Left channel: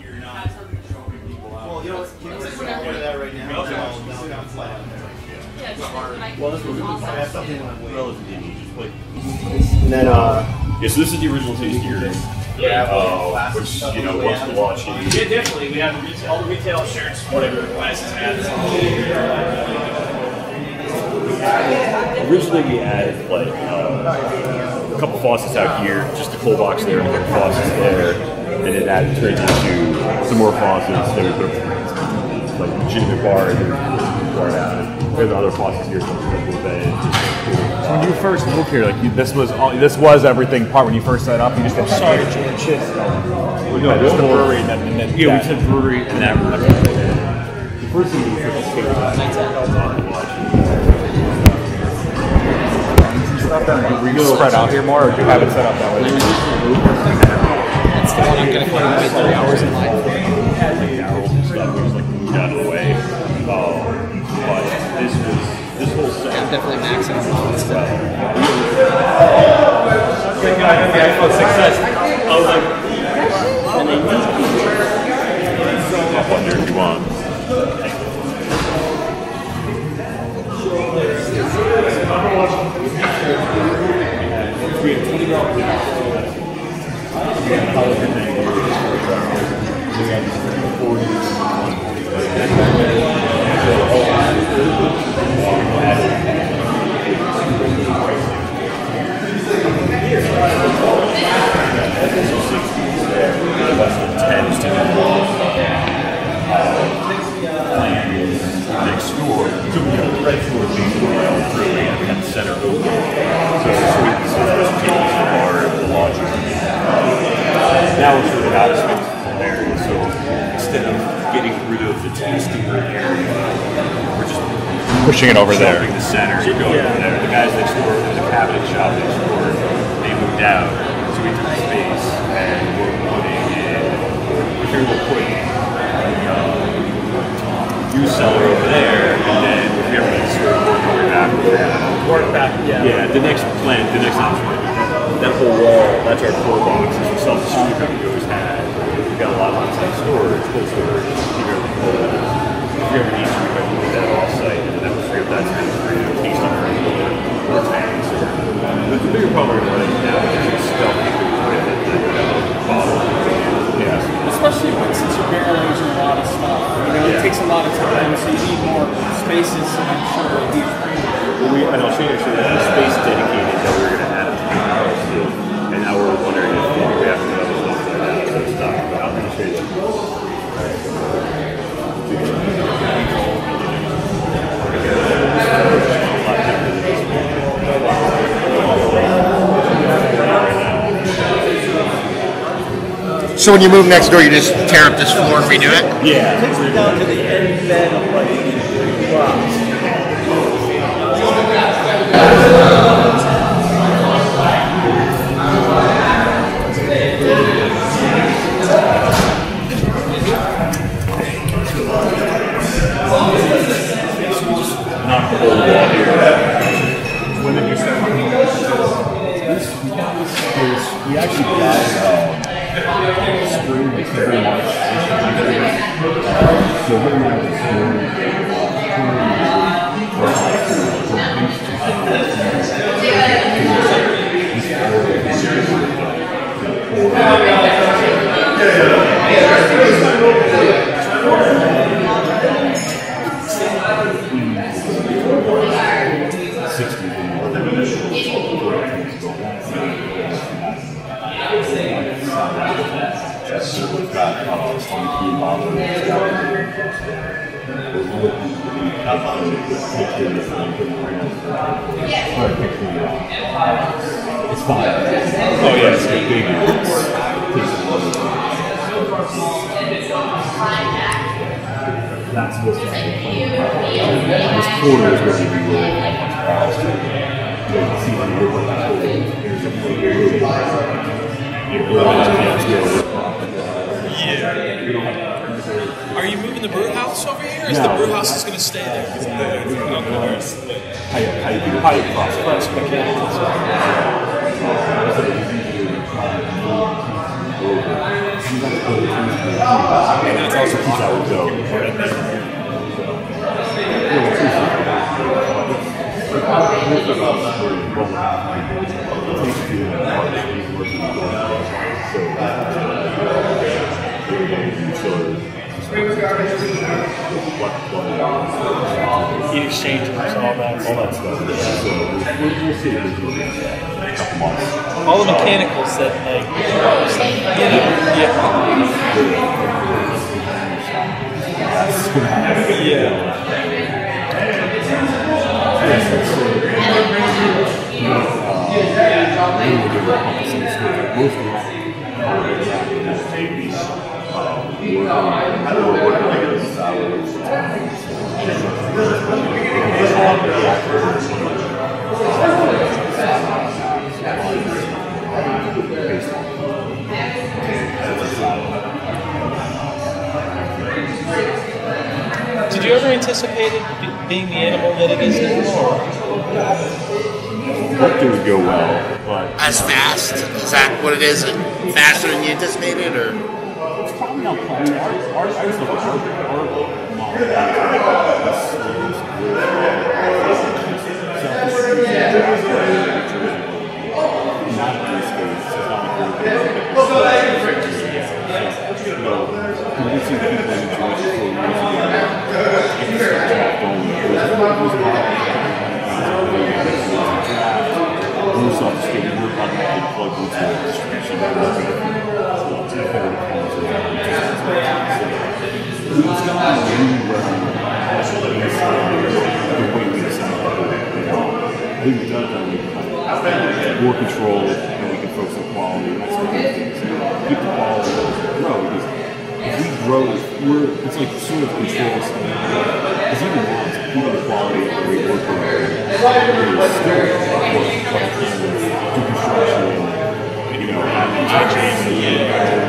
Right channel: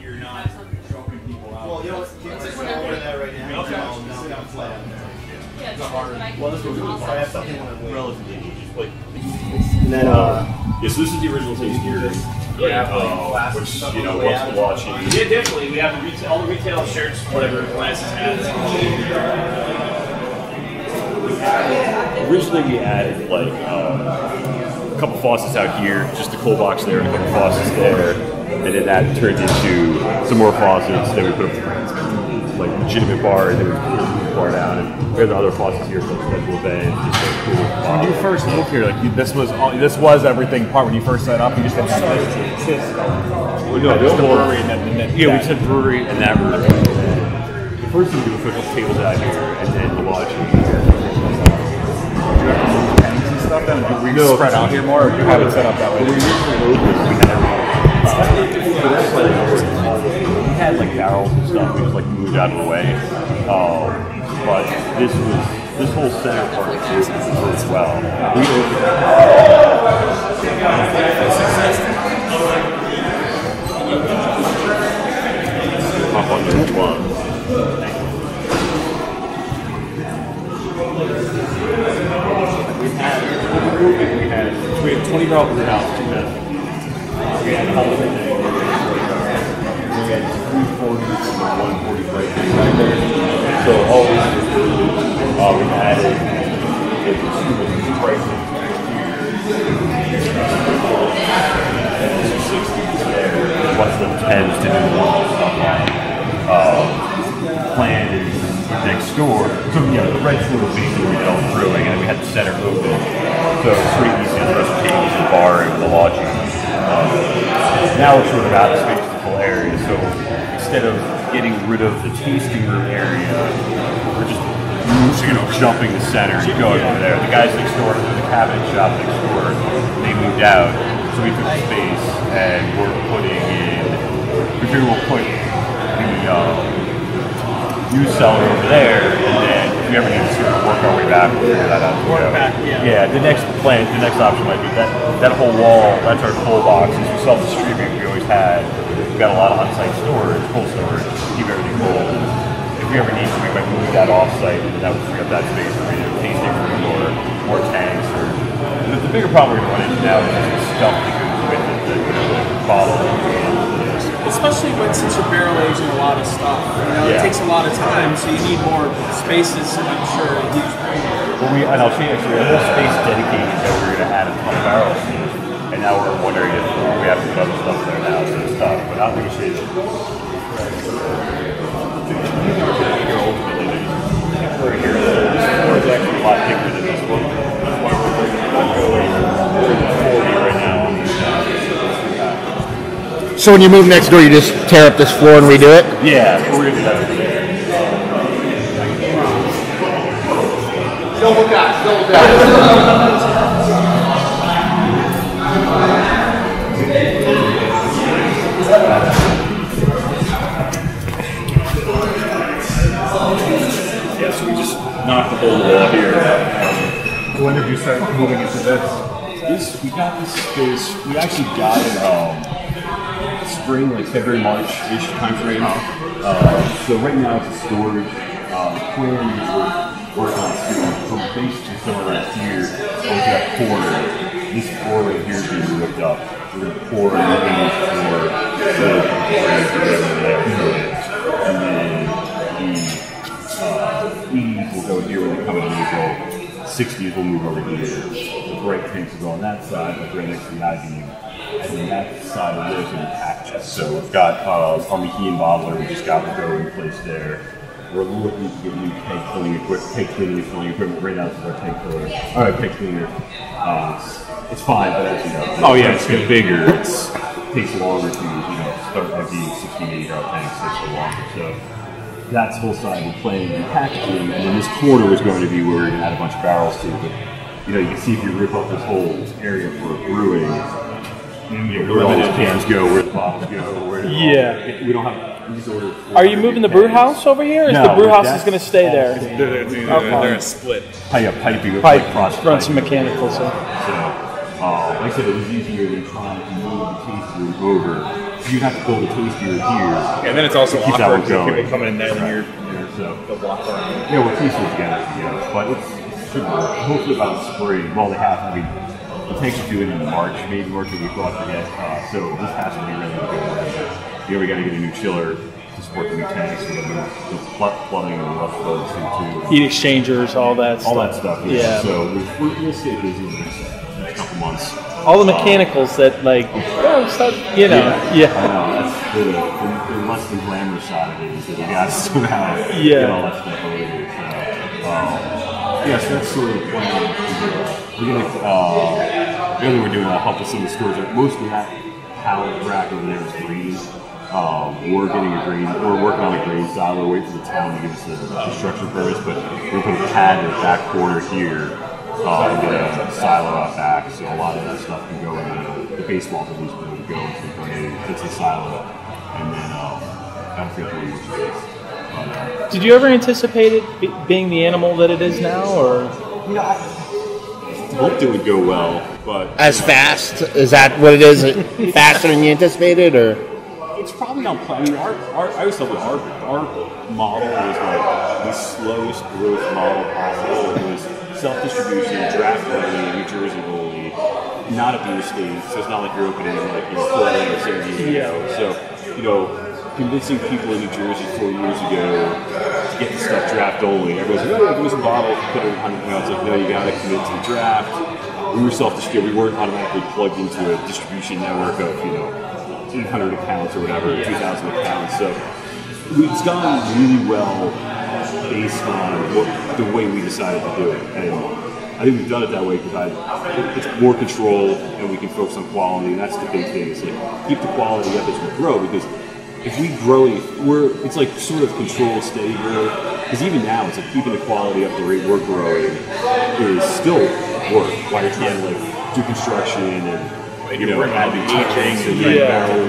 you're not choking people out. Well, you know what? Let's just order that right now. Now fly out there. Well, this was I have something on my way. relatively easy. Just like, And then, yeah, so this is the original taste here. Which, you know, once the watching. Yeah, definitely. We have all the retail shirts, whatever the classes have. Originally, we added like a couple faucets out here, just the cold box there, and a couple faucets there, and then that turned into some more faucets. Then we put up like legitimate bar, and then we poured out. And we have the other faucets here for the bed. Just like cool. So when you first moved here, like this was everything. Part when you first set up, you just had switch. Well, no, just the brewery, and then yeah, we said brewery and that room. The first thing we did was put a couple tables out here, and then the lodging. Tanks and stuff. Then were you spread out here more, or do you have it set up that way? We were usually open. That's why they always had like barrels and stuff. It was like moved out of the way. But this whole set definitely makes sense. Hop on there if you want. We had 20 barrel brew houses. We had all everything. We had 240 and 145. So all of this was we added pricing. Some 60s there, a bunch of 10s to do plan is next door. So you know, the red store was basically brewing and we had the center open. So Sweeties is just taking the bar and the lodging. Now we're sort of out of space for the full area. So instead of getting rid of the tasting room area, we're just Pushing it over there. jumping the center, going over there. The guys next door, there's a cabinet shop next door. They moved out, so we took the space and we're putting in. We figure we'll put the juice cellar over there, and then if we ever need to sort of work our way back, we'll figure that out. Yeah. The next option might be that whole wall. That's our cold boxes. We sell the street room we always had. We've got a lot of on-site storage, cold storage, keep everything cold. If we ever need to, we might move that off-site, and that would free up that space for tasting room or tanks. But the bigger problem we're running now is it's stuffed with the bottle. Especially since you're barrel aging a lot of stuff, it takes a lot of time, so you need more spaces, and I'm sure a huge premium. And I'll show you the space dedicated that we're going to have to my barrels to, and now we're wondering if we have to do other stuff there now, so stuff. But I'm going to show you that. A lot bigger than this one. So when you move next door, you just tear up this floor and redo it? Yeah, we're going to do that today. Yeah, so we just knocked the whole wall here. When did you start moving into this? We got this space. We actually got it spring, like February, March-ish timeframe. So right now it's a storage. Pouring is working on storage. From base to somewhere here, we got pour. This pour right here is ripped up. We're going to pour it in the floor. So will go here when we come in. 60s will move over here. Great things to go on that side, but then it's imagine. And then that side of it is an action. So we've got on the key and bobber, we've just got the in place there. We're looking to get new pipe cleaning equipment, pipe cleaning equipment right now to our pipe cleaner. Alright, pipe cleaner. It's fine, but oh yeah, it's get bigger. It takes longer to start with the 60 tanks. That's what's on the plane and packaging. And this corner is going to be where we're going to have a bunch of barrels to it. You know, you can see if you rip up this whole area for brewing, where all these cans go, where the bottles go, Yeah. We don't have. Are you moving the brew house over here, or is the brew house going to stay there? Pipe process. Run some mechanical Like I said, it was easier than trying to move the tasting over. you have to build a taste beer here. And then it's also to keep that one going. And then So, we're pretty sure it's good, but it's hopefully about spring. Well, they have to be. It takes a few in March, maybe work with the going to get. So this has to be. Here we got to get a new chiller to support the tanks, the plumbing, Heat exchangers, all that stuff. Yeah. So we'll stay busy in the next couple months. all the mechanicals that like, I know. It's the less than glamorous side of it. The gas have, yes, that's sort of really we're doing a help with some of the schools. Like most of that how to rack in there we're working on the green side. We're waiting for the town to get some construction first, but we can add the back corner here. Silo out back, so a lot of that stuff can go in the baseball field. It's a silo, and then Did you ever anticipate it being the animal that it is now, or? Hoped it would go well, but as fast? Is that what it is? Faster than you anticipated, or? It's probably not planning. I always thought that our model was like the slowest growth model possible. It was self-distribution, draft play, New Jersey goalie, not a beer skate, so it's not like we're opening up in 4 or 6 years ago. So, convincing people in New Jersey 4 years ago to get this stuff draft only, it was a model to put it on the ground. It's like, no, you got to commit to the draft. We were self-distributed. We weren't automatically plugged into a distribution network of, 800 accounts or whatever, 2,000 accounts. So it's gone really well based on the way we decided to do it. And I think we've done it that way because it's more control and we can focus on quality. And that's the big thing, is keep the quality up as we grow, because if we grow, it's like sort of controlled steady growth. Because even now, it's like keeping the quality up the rate we're growing is still work while you're trying to do construction and having barrels,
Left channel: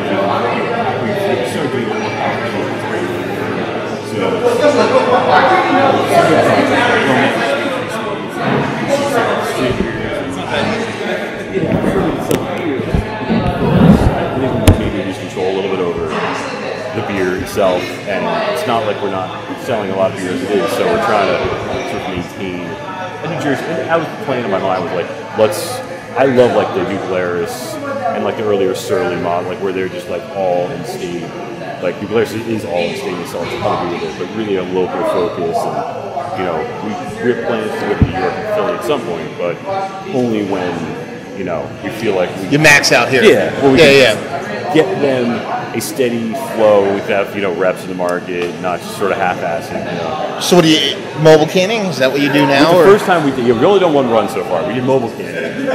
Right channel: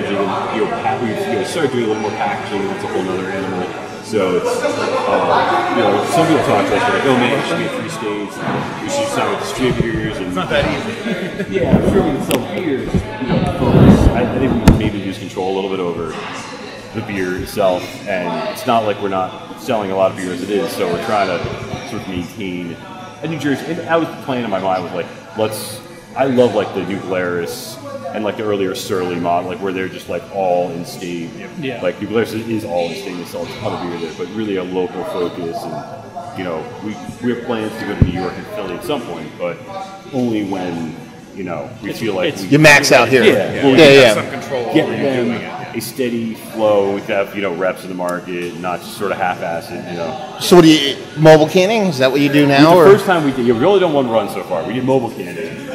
we started doing a little more packaging. That's a whole other animal. So it's some of the projects like, oh man, we should get 3 states, we should sign distributors, and I'm sure we can sell beer. I think we maybe lose control a little bit over the beer itself, and it's not like we're not selling a lot of beer as it is. So we're trying to sort of maintain a New Jersey. And I was playing in my mind with I love like the New Glarus and like the earlier Surly mod, like where they're just like all in state. Yeah. Like New Glarus is all in state, they sell a ton of beer there, but really a local focus. And we have plans to go to New York and Philly at some point, but only when we feel like we can get them a steady flow. We have reps in the market, not just sort of half-ass it. So the mobile canning, is that what you're doing? The first time we did, we've only done one run so far. We did mobile canning.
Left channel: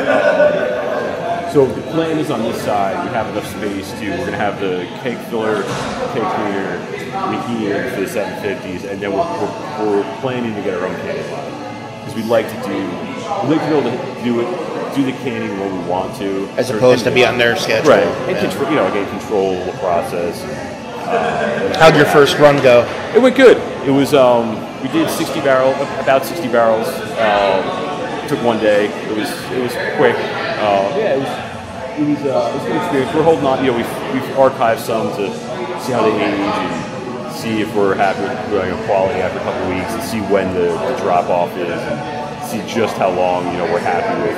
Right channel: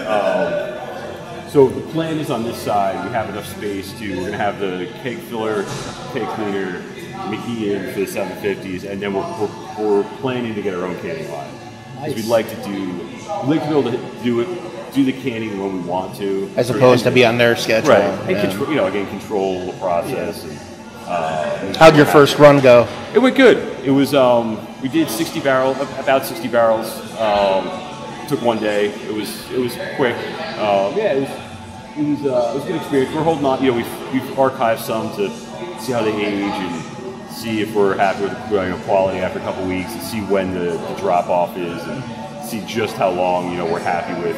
So the plan is on this side, we have enough space we're going to have the keg filler, keg cleaner, McKeon for the 750s, and then we're planning to get our own canning line. Because we'd like to be able to do the canning when we want to. Sort of, right. And control the process. And, how did your first run go? It went good. It was, we did about 60 barrels. Took one day. It was quick. It was a good experience. We're holding on. We've archived some to see how they age and see if we're happy with the quality after a couple of weeks, and see when the drop off is, and see just how long we're happy with.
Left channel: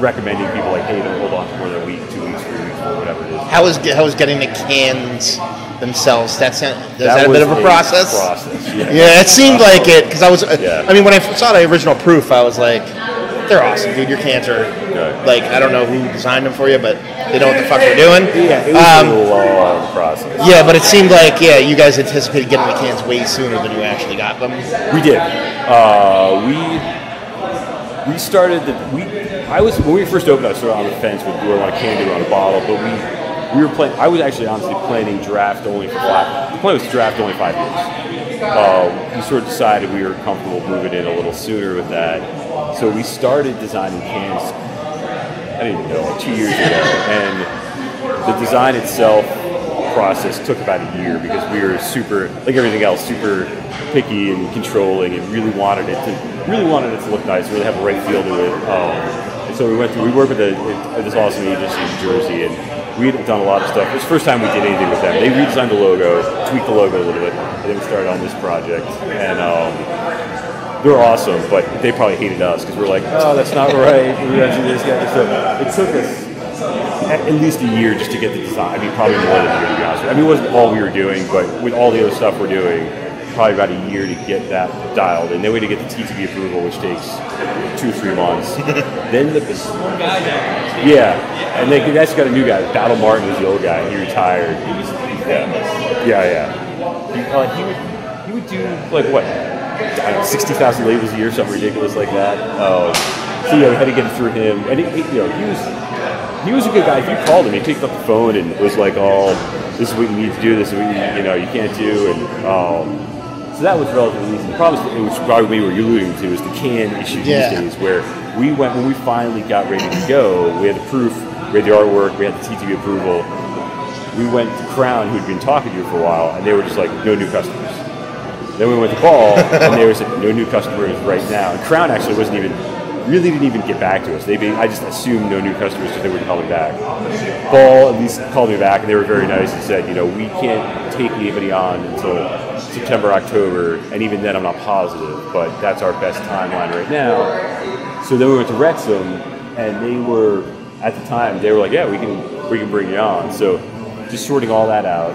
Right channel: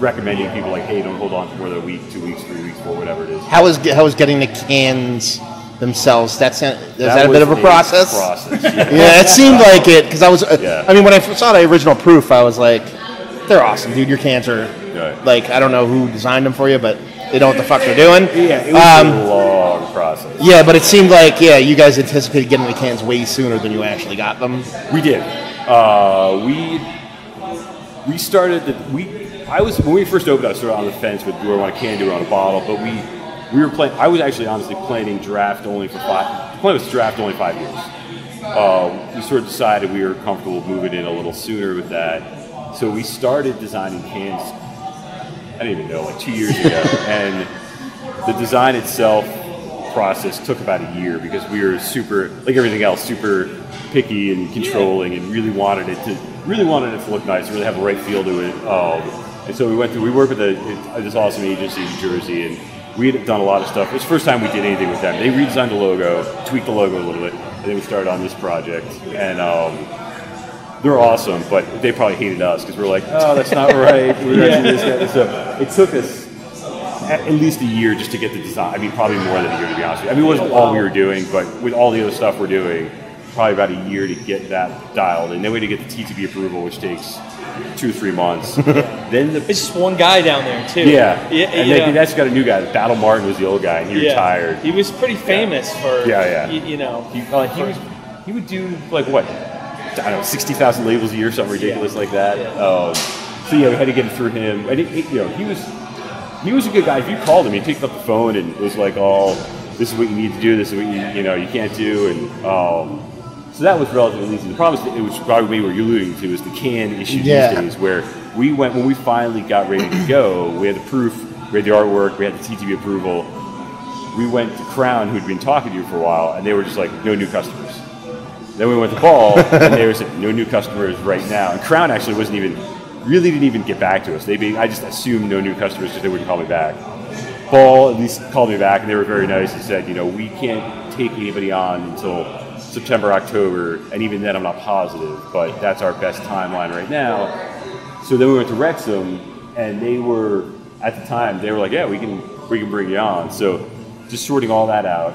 Recommending people like, hey, don't hold on for more than a week, 2 weeks, 3 weeks, or whatever it is. How was getting the cans themselves tested? That was a process. Yeah, it seemed like it. Because I mean, when I saw the original proof, I was like, your cans are. Right. I don't know who designed them for you, but you don't know what you're doing. Yeah, it was a long process. Yeah, but it seemed like you guys anticipated getting the cans way sooner than you actually got them. We did. We started when we first opened, I was sort of on the fence with do I want a can, do I want a bottle, but we were planning. I was actually honestly planning draft only for 5. The plan was draft only 5 years. We sort of decided we were comfortable moving in a little sooner with that, so we started designing cans. I didn't even know, like 2 years ago, and the design itself process took about a year because we were super, like everything else, super picky and controlling, and really wanted it to look nice, really have the right feel to it. And so we worked with this awesome agency in New Jersey, and we had done a lot of stuff. It was the first time we did anything with them. They redesigned the logo, tweaked the logo a little bit, and then we started on this project. And they're awesome, but they probably hated us because we're like, oh, that's not right. We're going to do this, guy. So it took us at least a year just to get the design. I mean, probably more than a year, to be honest with you. I mean, it wasn't all we were doing, but with all the other stuff we're doing, probably about a year to get that dialed. And then we had to get the TTB approval, which takes 2 or 3 months. Then It's just one guy down there, too. and that's got a new guy. Battle Martin was the old guy, and he retired. He was pretty famous for, you know. He would do, like, what? I don't know, 60,000 labels a year, something ridiculous like that. So yeah, we had to get it through him. And he was a good guy. If you called him, he picked up the phone and was like, "Oh, this is what you need to do. This is what you can't do." And so that was relatively easy. The problem is, which probably what you're alluding to, is the can issue these days, where we went when we finally got ready to go. We had the proof, we had the artwork, we had the TTB approval. We went to Crown, who'd been talking to you for a while, and they were just like, "No new customers." Then we went to Ball, and they were saying, "No new customers right now." And Crown actually didn't even get back to us. I just assumed no new customers because they wouldn't call me back. Ball at least called me back, and they were very nice and said, we can't take anybody on until September, October, and even then I'm not positive, but that's our best timeline right now. So then we went to Wrexham, and they were, at the time, they were like, yeah, we can bring you on. So just sorting all that out.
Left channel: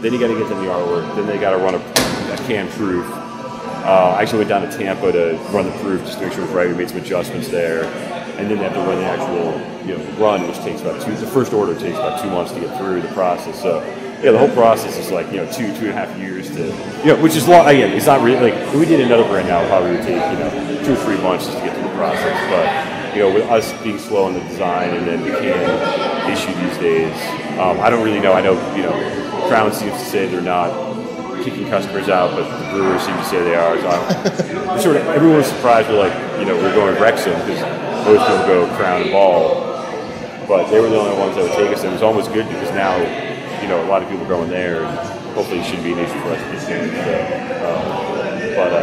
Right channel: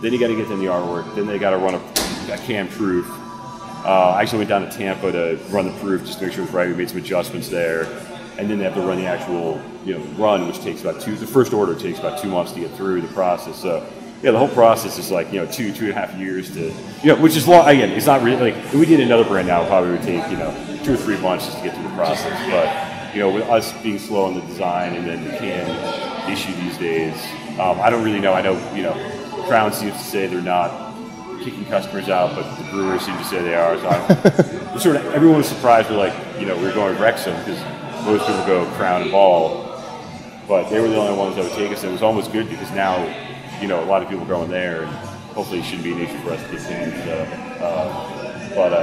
Then you got to get them the artwork. Then they got to run a can proof. I actually went down to Tampa to run the proof just to make sure it was right. We made some adjustments there, and then they have to run the actual run, which takes about the first order takes about 2 months to get through the process. So yeah, the whole process is like 2.5 years to which is long. Again, it's not really like if we did another brand now, it probably would take 2 or 3 months just to get through the process. But with us being slow on the design and then the can issue these days, I don't really know. I know Crown seems to say they're not kicking customers out, but the brewers seem to say they are. So everyone was surprised. We're like, we're going to Wrexham because most people go Crown and Ball, but they were the only ones that would take us. It was almost good because now, a lot of people are going there, and hopefully it shouldn't be an issue for us to get cans.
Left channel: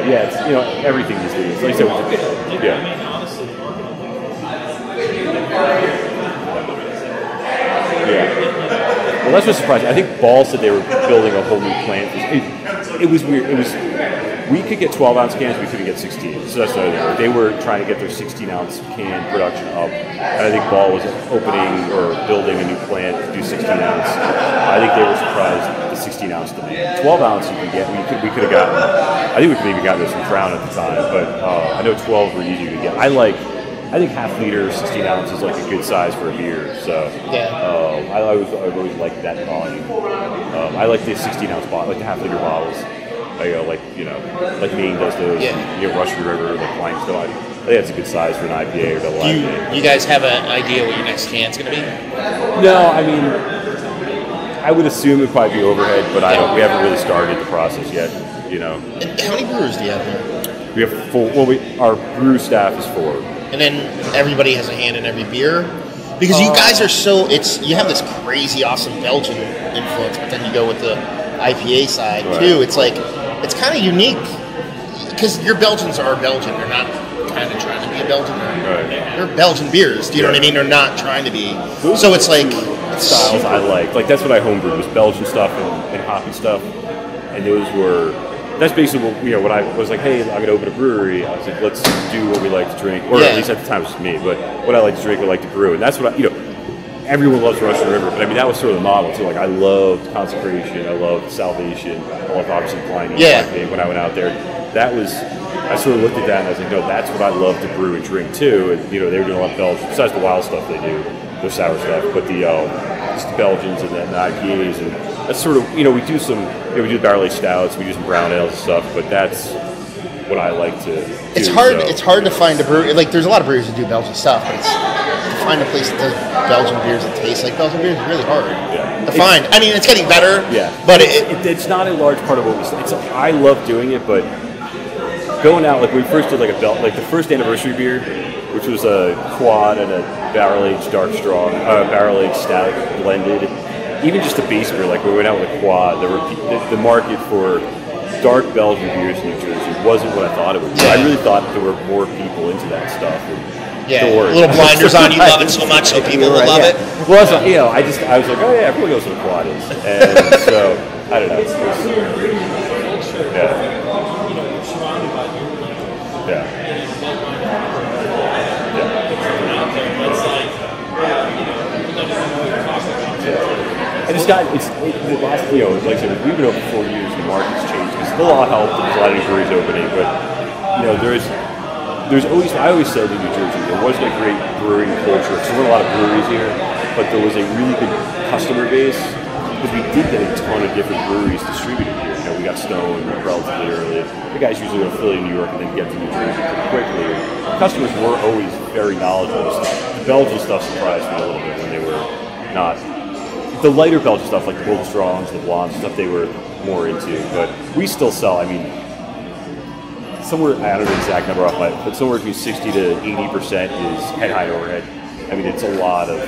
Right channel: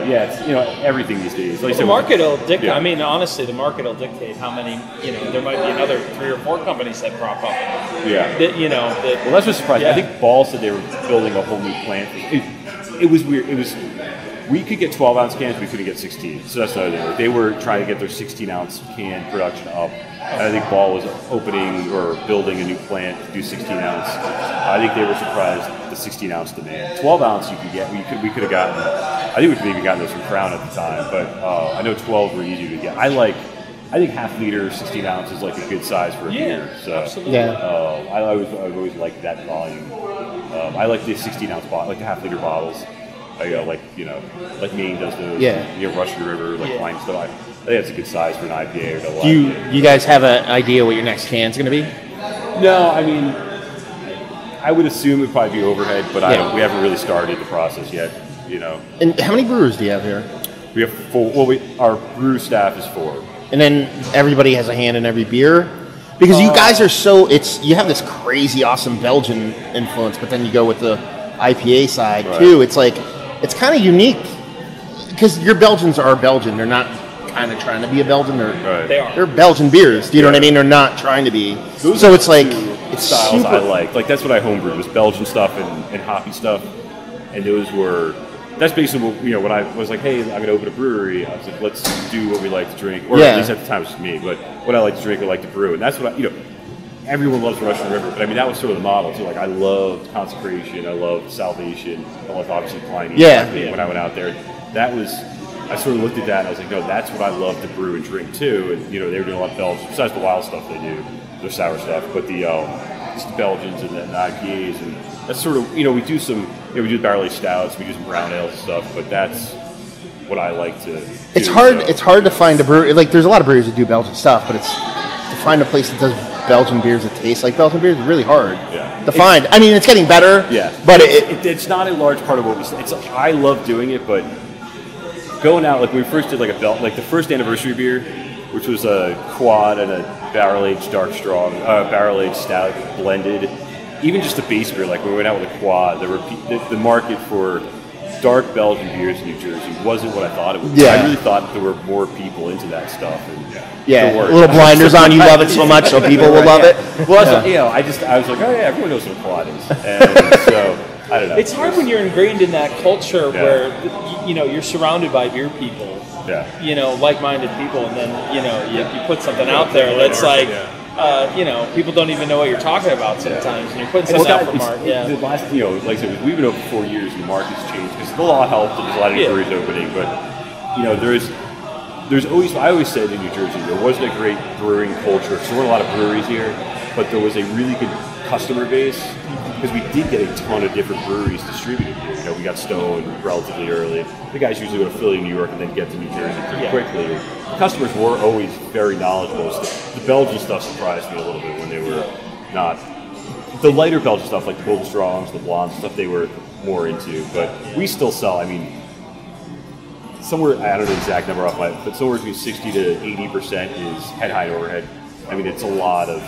Yeah, it's everything these days. Like I said, the market will dictate. Yeah. I mean, honestly, the market will dictate how many. They might have 3 or 4 companies that grow. Yeah. Well, that's what surprised me. I think Ball said they were building a whole new plant. It was weird. We could get 12-ounce cans, we couldn't get 16. So that's another thing. They were trying to get their 16-ounce can production up. And I think Ball was opening or building a new plant to do 16-ounce. I think they were surprised at the 16-ounce demand. 12-ounce you could get. We could have gotten. I think we could have even gotten those from Crown at the time. But I know 12 were easier to get. I think half liter, 16 ounce is like a good size for a beer. So I've always liked that volume. I like the 16 ounce bottle, like the half liter bottles. Like Maine does those. And, Russian River, like Klein stuff. I think that's a good size for an IPA or double IPA. You guys have an idea what your next can's going to be? No, I mean, I would assume it'd probably be overhead, but we haven't really started the process yet. And how many brewers do you have there? We have 4. Well, our brew staff is 4. And then everybody has a hand in every beer? Because you guys are you have this crazy awesome Belgian influence, but then you go with the IPA side too. It's like, it's kind of unique. Because your Belgians are Belgian. They're not kind of trying to be a Belgian. They're Belgian beers. Do you know what I mean? They're not trying to be. Those are the two styles I like. Like, that's what I homebrewed, was Belgian stuff and hoppy stuff. And those were... That's basically what, when I was like, hey, I'm going to open a brewery, I was like, let's do what we like to drink. Or at least at the time it was me, but what I like to drink, I like to brew. And that's what everyone loves Russian River, but I mean, that was sort of the model too. Like, I loved Consecration, I loved Salvation, I loved obviously Pliny when I went out there. That was, I sort of looked at that and I was like, no, that's what I love to brew and drink too. And, they were doing a lot of Belgian, besides the wild stuff they do, their sour stuff, but the Belgians and the IPAs, and that's sort of, we do we do barrel-aged stouts, we do some brown ales and stuff, but that's what I like to do. It's hard to find a brewery, like, there's a lot of breweries that do Belgian stuff, but to find a place that does Belgian beers that taste like Belgian beers is really hard to find. I mean, it's getting better. Yeah, but it's not a large part of what we. I love doing it, but going out, like, we first did like the first anniversary beer, which was a quad and a barrel-aged dark strong, barrel-aged stout blended. Even just the base beer, like, when we went out with a quad, there were the market for dark Belgian beers in New Jersey wasn't what I thought it would be. I really thought there were more people into that stuff, and Yeah, the worst. little blinders on. You love it so much, so people will love it. Well, that's, I was like, oh yeah, everyone knows what a quad is, and so I don't know. It's hard when you're ingrained in that culture where you're surrounded by your people. Yeah. Like-minded people that put something out there that's like. People don't even know what you're talking about. And the last, like I said, we've been open 4 years and the market's changed because the law helped and there's a lot of new breweries opening, but, there's always, I always said in New Jersey, there wasn't a great brewing culture because there weren't a lot of breweries here, but there was a really good customer base because we did get a ton of different breweries distributed here. We got Stone relatively early. The guys usually go to Philly, New York, and then get to New Jersey pretty quickly. Customers were always very knowledgeable. The Belgian stuff surprised me a little bit when they were not. The lighter Belgian stuff, like the Golden Strongs, the Blondes, stuff they were more into. But we still sell, somewhere, I don't know the exact number off my, but somewhere between 60 to 80% is head high and overhead. It's a lot of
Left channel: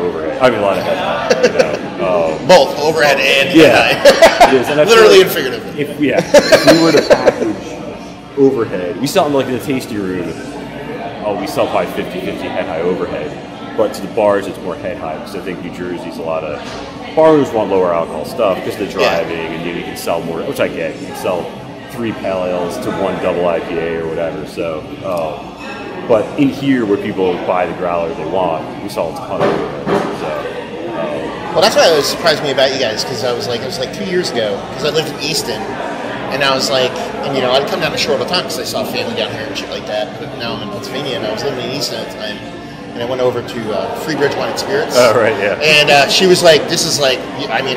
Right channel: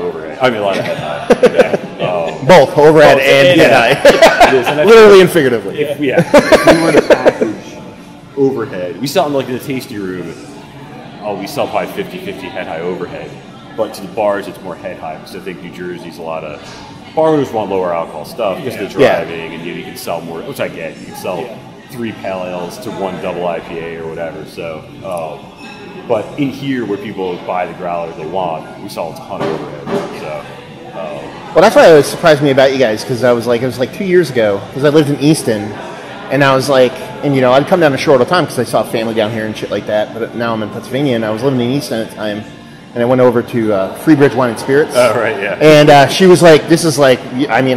overhead. A lot of head high. Both overhead and head high. It is, and literally and figuratively. If we were to package overhead, we sell in the tasty room. We sell probably 50-50 head high overhead, but to the bars it's more head high because I think New Jersey's a lot of bar owners want lower alcohol stuff because of the driving, and you can sell more, which I get. You can sell 3 pale ales to 1 double IPA or whatever. So. But in here, where people buy the growler they want, we saw a ton of overhead. Well, that's why it surprised me about you guys, because it was like 2 years ago, because I lived in Easton, and I was like, I'd come down to Shore all the time because I saw family down here and shit like that. But now I'm in Pennsylvania, and I was living in Easton at the time, and I went over to Freebridge Wine and Spirits. Oh, right, yeah. And she was like, this is like,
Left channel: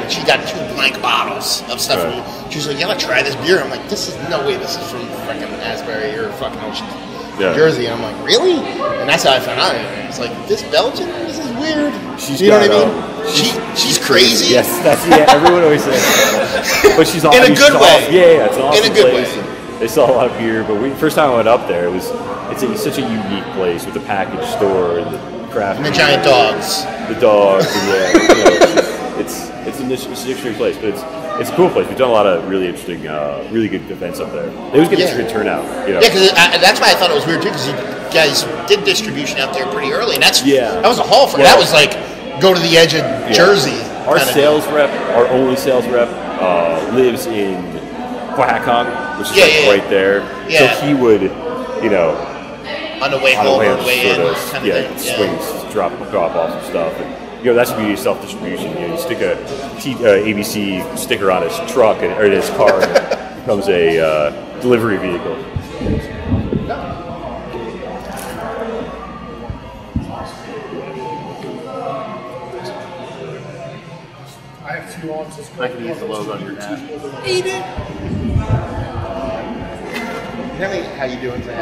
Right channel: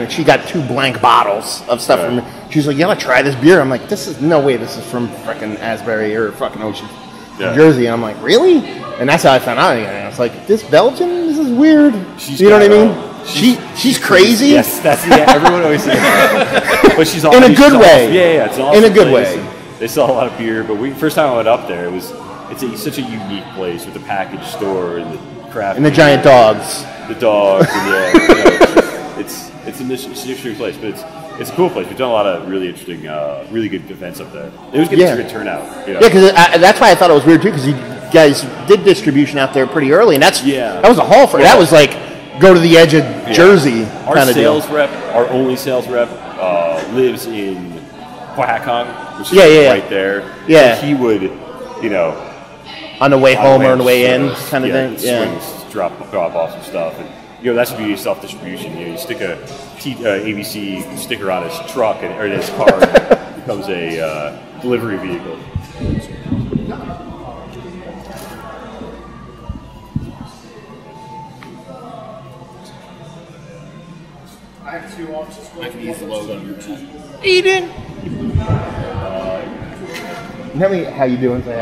she got 2 blank bottles of stuff. Right. She was like, try this beer. I'm like, this is no way. This is from fucking Asbury or fucking New Jersey, and I'm like, really? And that's how I found out. I was like, this Belgian, this is weird. She's she's crazy. Yes, everyone always says that. But she's awesome. In a good way. It's an awesome in a good place. Way. And they sell a lot of beer, but first time I went up there, it's such a unique place with the package store and the craft and the beer, giant dogs. The dogs, and it's an interesting place, but it's a cool place. We've done a lot of really interesting, really good events up there. It was getting a good turnout. Yeah, because that's why I thought it was weird too, because you guys did distribution out there pretty early, and that was a haul for that was like go to the edge of Jersey. Our sales rep, our only sales rep, lives in Coahacon, which is right there. Yeah. So he would, on the way home or on the way in, swings, drop off some stuff. And, that's the beauty of self-distribution. You stick a ABC sticker on his truck or in his car, and it becomes a delivery vehicle. I have 2 ounces. I can use the logo on your hat. Eden. How you doing for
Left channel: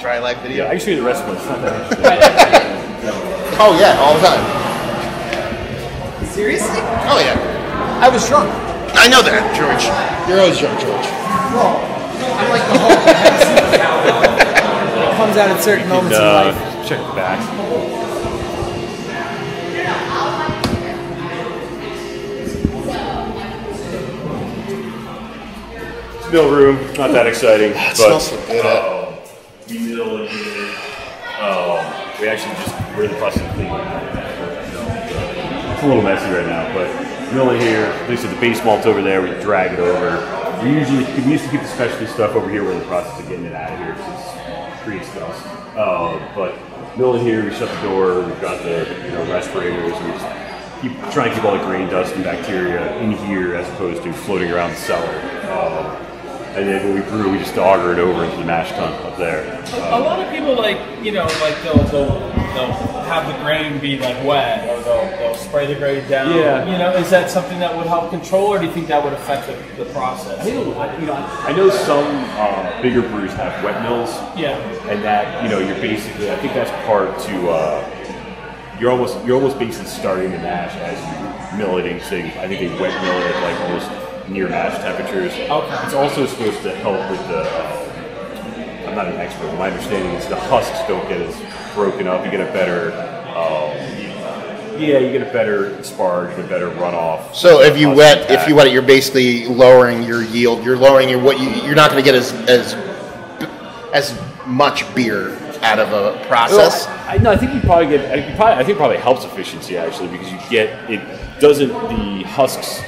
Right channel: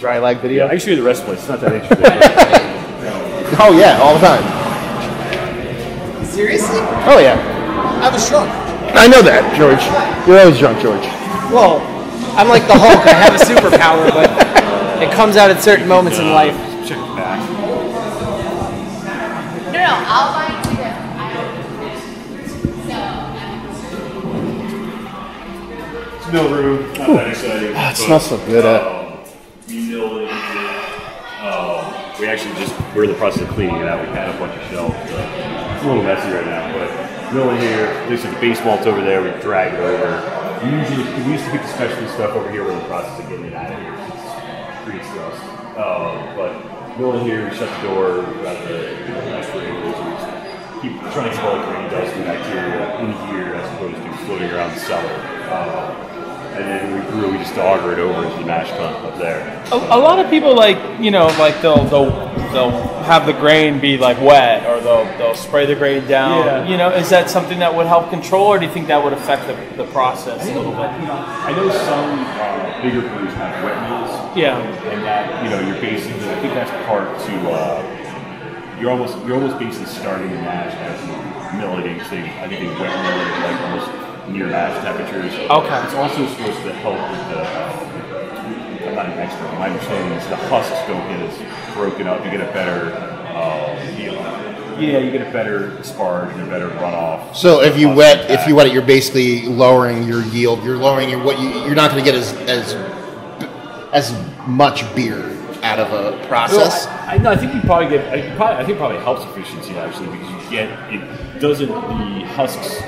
dry live video? Yeah, I can show you the rest of the place. It's not that interesting. Oh yeah, all the time. Serious? Oh yeah. I was drunk. I know that, George. You're always drunk, George. Well, I'm like the Hulk. I have a superpower, but it comes out at certain moments in life. Check the back. No, I'll find it. It's mill room. Not that exciting. It smells so good. We're in the process of cleaning it out. We had a bunch of shelves. It's a little messy right now, but milling here. Like I said, the base malt's over there. We drag it over. We used to keep the specialty stuff over here. We're in the process of getting it out of here because it creates dust. But milling here, we shut the door. We've got the respirators. We just keep trying to keep all the grain, dust, and bacteria in here as opposed to floating around the cellar. And then when we brew, we just auger it over into the mash tun up there. A lot of people they'll have the grain be wet, or they'll spray the grain down. Yeah. Is that something that would help control, or do you think that would affect the process? I think I know some bigger breweries have wet mills. Yeah. And that you're basically, I think that's part to you're almost basically starting the mash as you mill it. I think they wet mill it almost near mash temperatures. Okay. It's also supposed to help with the. I'm not an expert, but my understanding is the husks don't get as broken up. You get a better. You get a better sparge and a better runoff. So if you wet, you're basically lowering your yield. You're lowering you're not going to get as as much beer out of a process. Well, no, I think you probably get. I think it probably helps efficiency actually because you get it doesn't the husks.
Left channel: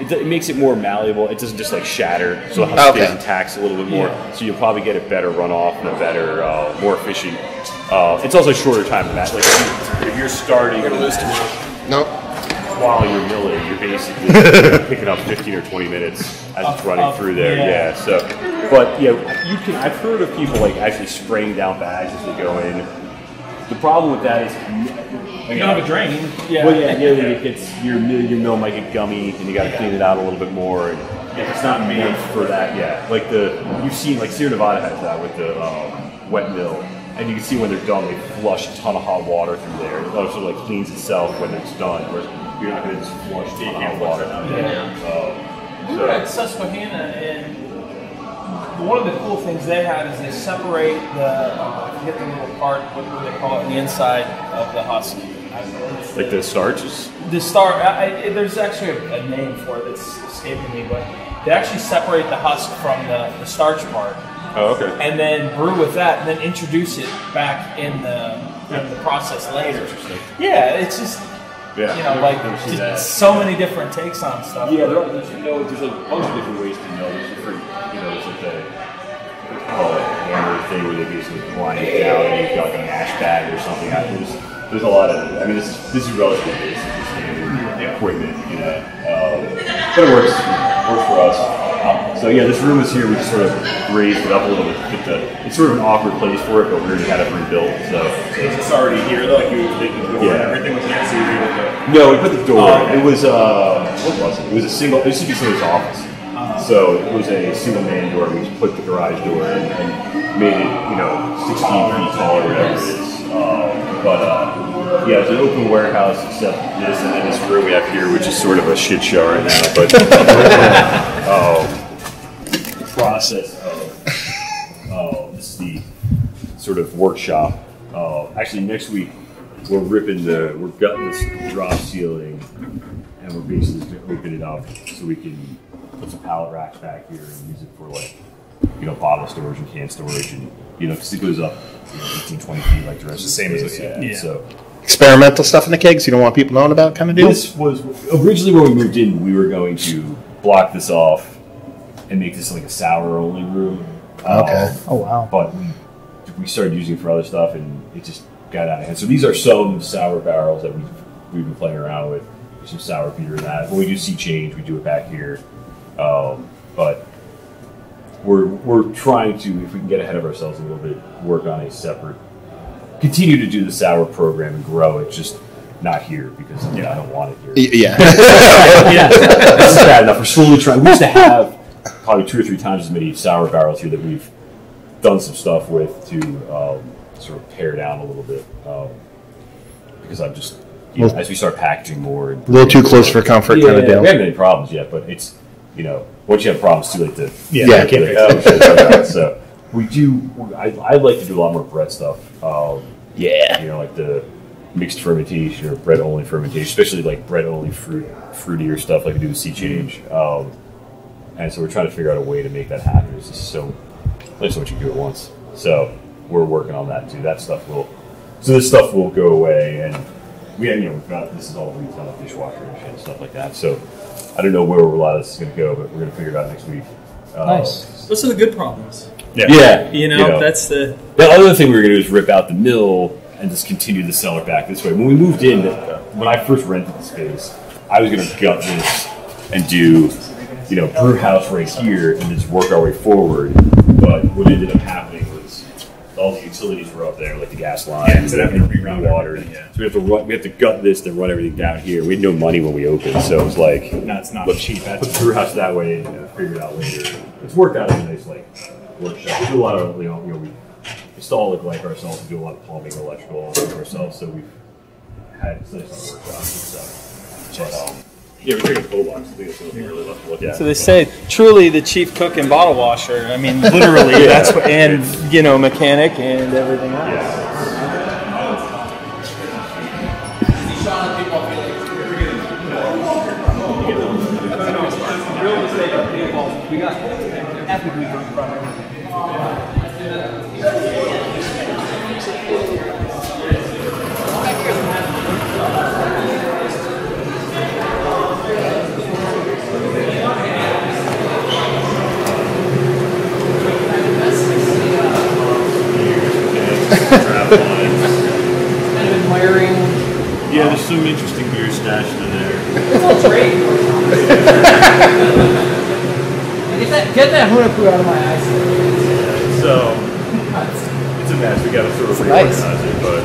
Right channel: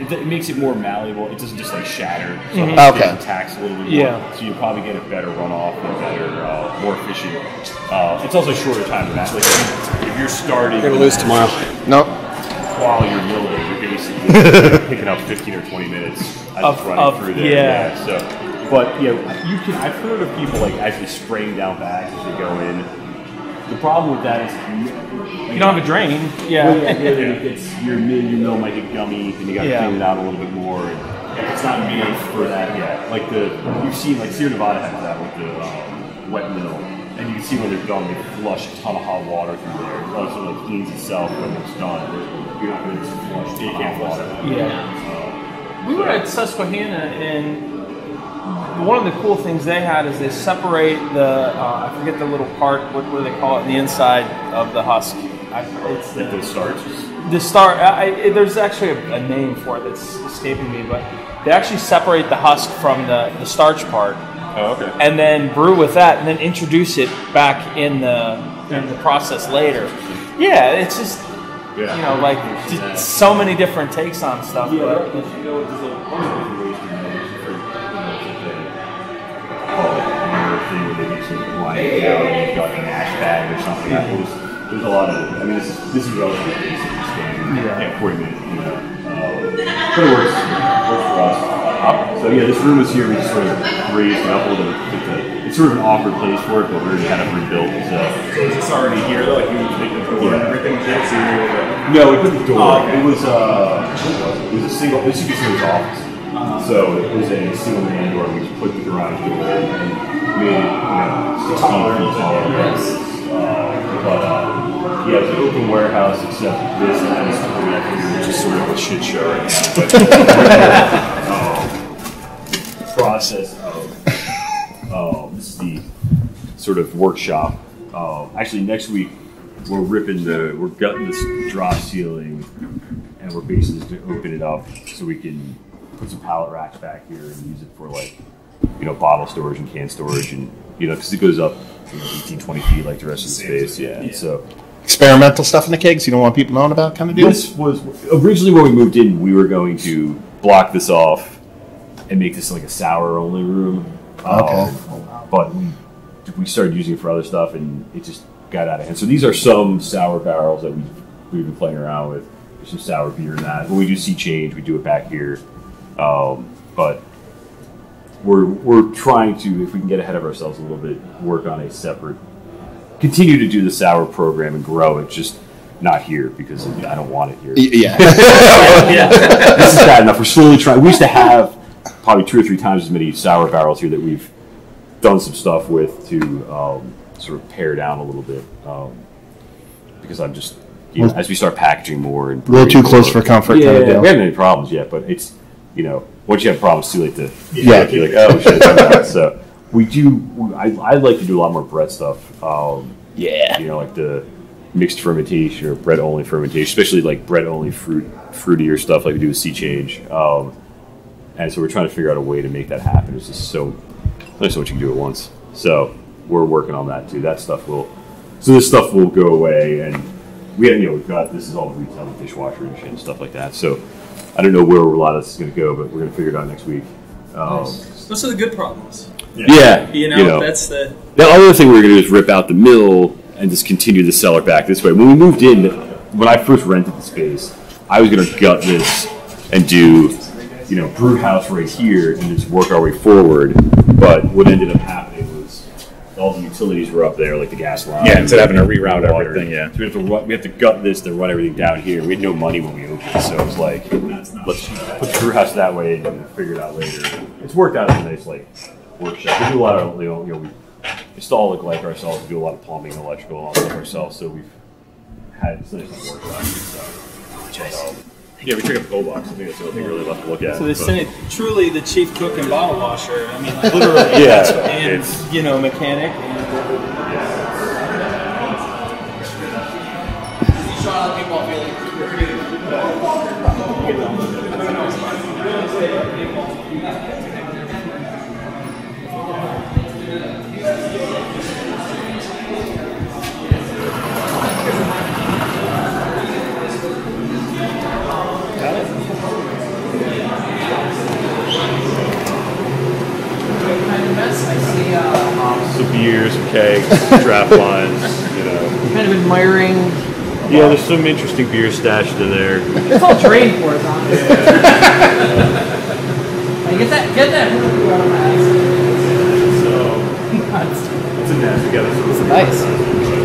It makes it more malleable. It doesn't just like shatter, so the husk stays intact a little bit more. Yeah. So you'll probably get a better runoff and a better, more efficient. It's also a shorter time to match. Like if you're starting No. while you're milling, you're basically picking up 15 or 20 minutes as it's running through there. Yeah. So, but you can. I've heard of people like actually spraying down bags as they go in. The problem with that is You don't have a drain. Yeah. Well, it gets your mill might get gummy, and you got to clean it out a little bit more. And it's not meant for that. Yeah, like you've seen like Sierra Nevada has that with the wet mill, and you can see when they're done, they flush a ton of hot water through there. It also like cleans itself when it's done. Whereas you're not going to just flush a ton of hot water. We were at Susquehanna, and one of the cool things they had is they separate the I forget the little part, what do they call it, in the inside of the husk. It's Like the starch? The star. There's actually a name for it that's escaping me, but they actually separate the husk from the starch part. Oh, okay. And then brew with that, and then introduce it back in the process later. Yeah, it's just so many different takes on stuff. Yeah, there's a bunch of different ways to mill. There's different, it's like the call it hammer thing where they basically grind it down and you've got like a mash bag or something. There's a lot of. I mean, this is relatively basic standard equipment, but it works for us. So yeah, this room is here. We just sort of raised it up a little bit. It's sort of an awkward place for it, but we already had it rebuilt. So is this already here though? Like you would make the door and everything was here, so you were able to... No, we put the door. It was what was it? It was a single. It used to be somebody's office. So it was a single man door. We just put the garage door in and made it 16 feet tall or whatever it is. Yeah, it's an open warehouse except this and then this room we have here, which is sort of a shit show right now. But the process of this is the sort of workshop. Actually, next week we're gutting this drop ceiling, and we're basically just going to open it up so we can put some pallet racks back here and use it for bottle storage and can storage, and because it goes up 18, 20 feet like the rest of the space. Yeah. So experimental stuff in the cakes you don't want people knowing about kind of this was originally when we moved in, we were going to block this off and make this like a sour only room. Oh wow. But we started using it for other stuff and it just got out of hand. So these are some sour barrels that we've been playing around with. There's some sour beer in that. When we do sea change, we do it back here. But we're trying to, if we can get ahead of ourselves a little bit, work on a separate, continue to do the sour program and grow it, just not here because I don't want it here. Yeah. This is bad enough. We're slowly trying. We used to have probably 2 or 3 times as many sour barrels here that we've done some stuff with to sort of pare down a little bit because I'm just, as we start packaging more and brewing more. We haven't had any problems yet, but it's, once you have problems, it's too late to be like, oh, we should have done that. So we do. I'd like to do a lot more bread stuff. Like the mixed fermentation or bread only fermentation, especially like bread only fruitier stuff like we do with sea change. And so we're trying to figure out a way to make that happen. It's just only so much you can do at once. So we're working on that too. This stuff will go away, and we've got, this is all retail, like dishwasher and shit and stuff like that. So I don't know where a lot of this is going to go, but we're going to figure it out next week. Nice. Those are the good problems. Yeah. That's the other thing we were going to do is rip out the mill and just continue the cellar back this way. When we moved in, when I first rented the space, I was going to gut this and do, brew house right here and just work our way forward. But what ended up happening was all the utilities were up there, like the gas line. Yeah, instead of having to reroute everything. Yeah. So we have to gut this, then run everything down here. We had no money when we opened, so it was like, that's not let's cheap. put the brew house that way and figure it out later. It's worked out as a nice workshop. We do a lot of we install like ourselves. We do a lot of plumbing, electrical, all stuff ourselves. So we've had nice workshops and stuff. We check out the cold box. I think that's the only thing really left to look at. So they say truly the chief cook and bottle washer. I mean, literally, that's what, and mechanic and everything else. Yeah. some interesting beer stashed in there. It's all trade. Get that Hunaku out of my eyes. So it's a mess. We got to sort of Nice. reorganize it, but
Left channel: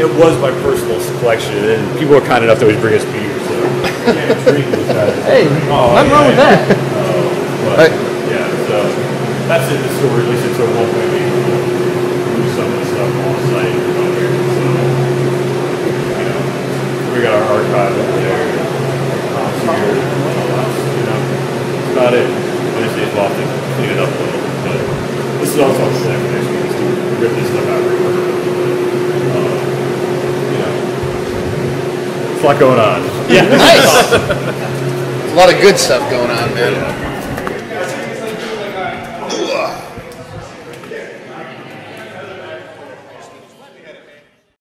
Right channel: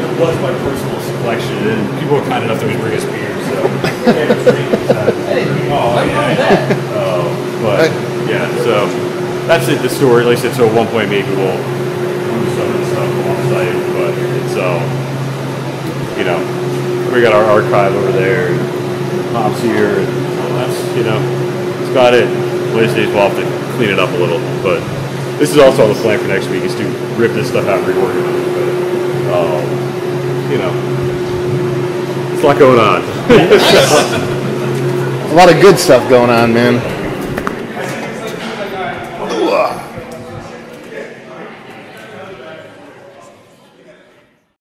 it was my personal collection, and people were kind enough to always bring us beer. So Hey, nothing wrong with that. But yeah, so that's it. The story, at least it's at one point maybe we'll do some of the stuff on site, but so you know, we got our archive over there, and Tom's here, and that's that's about it. One of these days we'll have to clean it up a little, but this is also the plan for next week is to rip this stuff out. It's a lot going on. There's a lot of good stuff going on, man.